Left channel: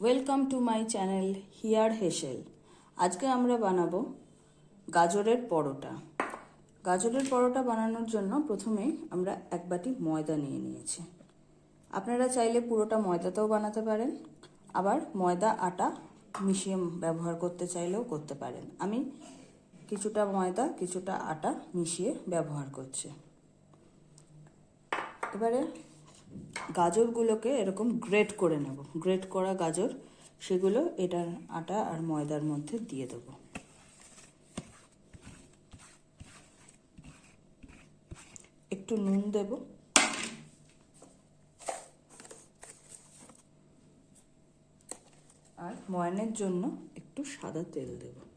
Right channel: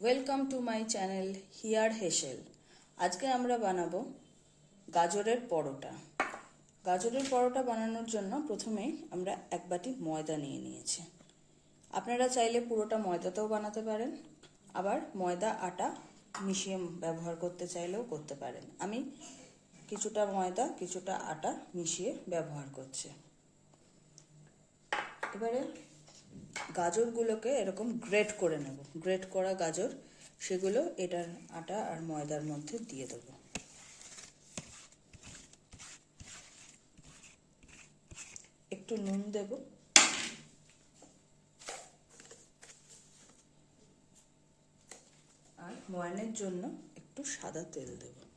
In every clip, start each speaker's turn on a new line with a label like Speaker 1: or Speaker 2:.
Speaker 1: Welcome to my channel here হেসেল আজকে আমরা বানাবো গাজরের পরোটা। গাজরের পরোটা বানানোর জন্য প্রথমে আমরা এক বাটি ময়দা নিয়ে নিয়েছি। আপনারা চাইলে পুরোটা ময়দাতেও বানাতে পারেন, আবার ময়দা, আটা, মিশিয়ে ব্যবহার করতে চাইলেও করতে পারেন। আমি কিছুটা ময়দা, কিছুটা আটা মিশিয়ে ব্যবহার করছি। এবারে গাজরগুলোকে এরকম গ্রেট করে নেব। গ্রেট করা গাজর, সেগুলো এটার আটা আর ময়দার মধ্যে দিয়ে দেবো। একটু নুন দেব। আর ময়নের জন্য একটু সাদা তেল দেব।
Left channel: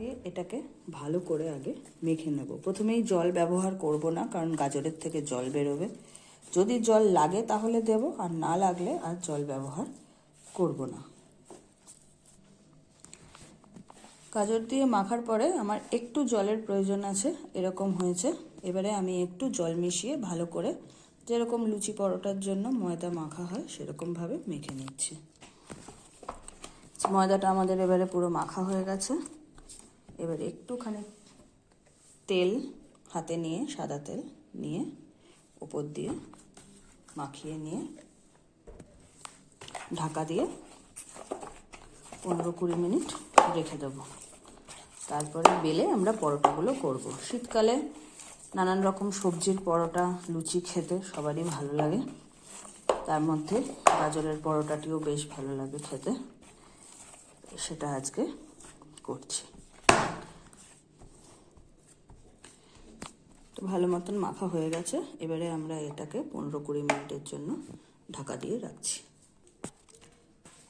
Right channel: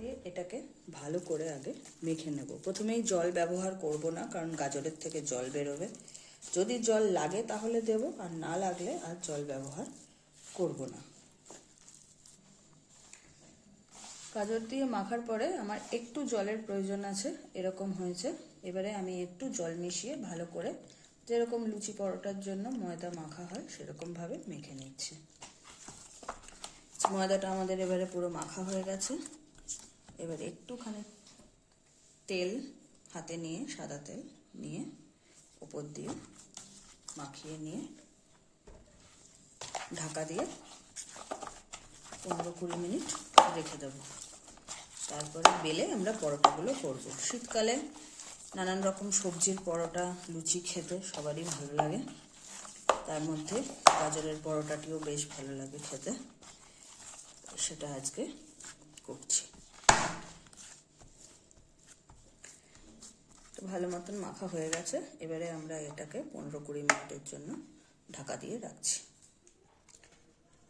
Speaker 1: দিয়ে এটাকে ভালো করে আগে মেখে নেব। প্রথমেই জল ব্যবহার করব না, কারণ গাজরের থেকে জল বেরোবে। যদি জল লাগে তাহলে দেব, আর না লাগলে আর জল ব্যবহার করব না। গাজর দিয়ে মাখার পরে আমার একটু জলের প্রয়োজন আছে, এরকম হয়েছে। এবারে আমি একটু জল মিশিয়ে ভালো করে যেরকম লুচি পরোটার জন্য ময়দা মাখা হয়, সেরকমভাবে মেখে নিচ্ছি। ময়দাটা আমাদের এবারে পুরো মাখা হয়ে গেছে। এবারে একটুখানি তেল হাতে নিয়ে, সাদা তেল নিয়ে, উপর দিয়ে মাখিয়ে নিয়ে, ঢাকা দিয়ে পনেরো কুড়ি মিনিট রেখে দেবো। তারপরে বেলে আমরা পরোটাগুলো করব। শীতকালে নানান রকম সবজির পরোটা, লুচি খেতে সবারই ভালো লাগে। তার মধ্যে গাজরের পরোটাটিও বেশ ভালো লাগে খেতে। সেটা আজকে করছি। তো ভালো মতন মাখা হয়ে গেছে। এবারে আমরা এটাকে পনেরো কুড়ি মিনিটের জন্য ঢাকা দিয়ে রাখছি।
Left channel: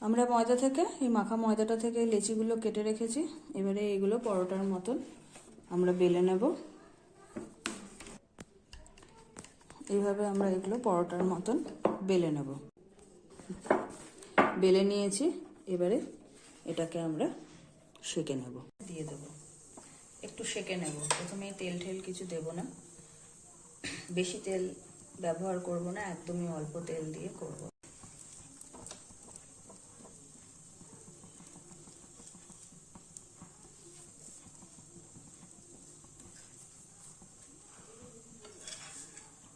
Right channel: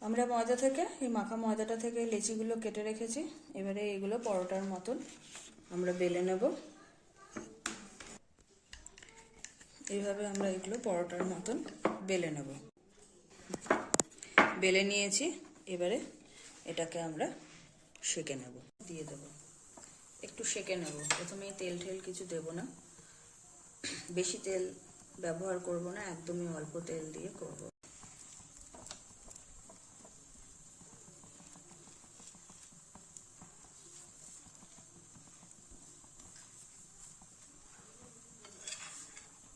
Speaker 1: আমরা ময়দা থেকে, এই মাখা ময়দাটা থেকে লেচিগুলো কেটে রেখেছি। এবারে এগুলো পরোটার মতন আমরা বেলে নেব। এইভাবে আমরা এগুলো পরোটার মতন বেলে নেব। বেলে নিয়েছি, এবারে এটাকে আমরা সেকে নেব। দিয়ে দেব। একটু সেকে নেব। প্রথমেই তেল ঠেল কিছু দেব না। বেশি তেল ব্যবহার করব না, একদমই অল্প তেল দিয়ে করব।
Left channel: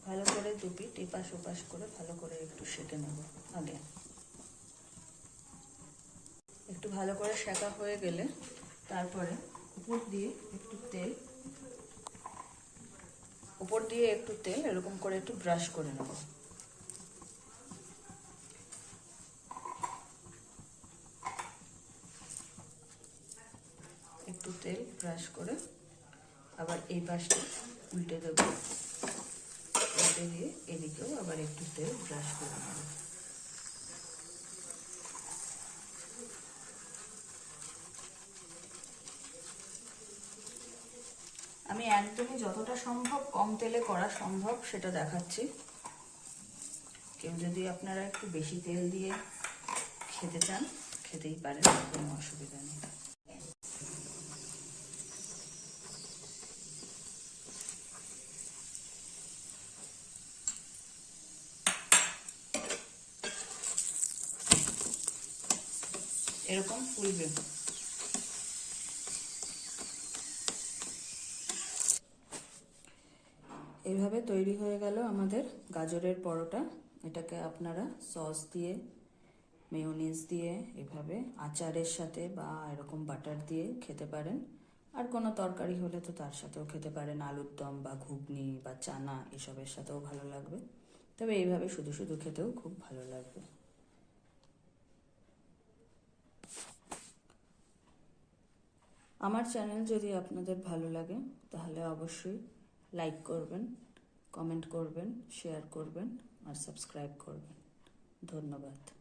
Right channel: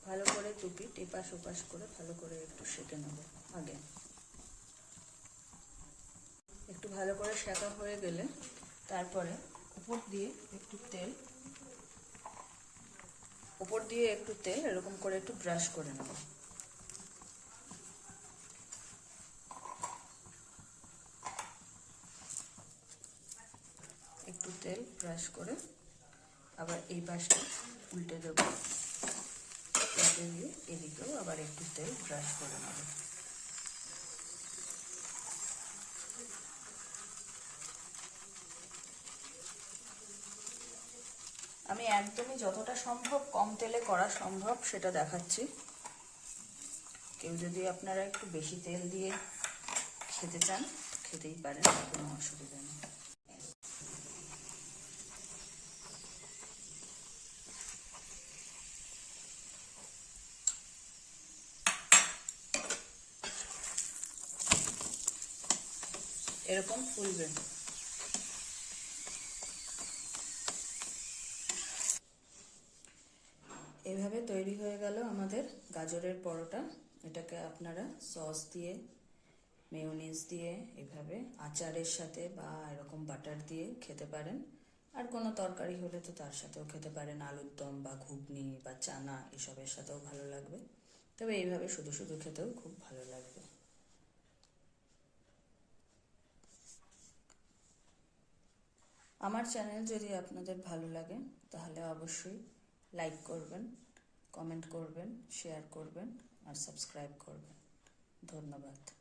Speaker 1: ভালো করে দুটি টিপাস ওপাস করে ভালো করে একটু সেকে নেব আগে। একটু ভালো করে সেকা হয়ে গেলে তারপরে উপর দিয়ে একটু তেল উপর দিয়ে একটু তেল, এরকম করে একটু ব্রাশ করে নেব। একটু তেল ব্রাশ করে আবার এই পাশে উল্টে দেবো। উল্টে দিয়ে এদিকেও আবার একটু তেল ব্রাশ করে নেব। আমি একদমই যতটা সম্ভব কম তেলে করা সম্ভব সেটা দেখাচ্ছি। কেউ যদি আপনারা একটু বেশি তেল দিয়ে খেতে চান, খেতেই পারেন, কোনো অসুবিধা নেই। এরকম ফুলবে। এভাবে তৈরি হয়ে গেল আমাদের গাজরের পরোটা। এটাকে আপনারা সস দিয়ে মেয়োনিজ দিয়ে, এভাবে আচারের সাথে বা এরকম বাটার দিয়ে খেতে পারেন। আর কোনো তরকারি হলে তো তার সাথেও খেতে পারেন। আলুর দম বা ঘুগনি বা চানা এসবের সাথেও ভালো লাগবে। তবে এইভাবে শুধু শুধু খেতেও খুব ভালো লাগবে। আমার চ্যানেল যদি আপনাদের ভালো লাগে, তাহলে অবশ্যই লাইক করবেন কমেন্ট করবেন শেয়ার করবেন আর সাবস্ক্রাইব করবেন। ধন্যবাদ।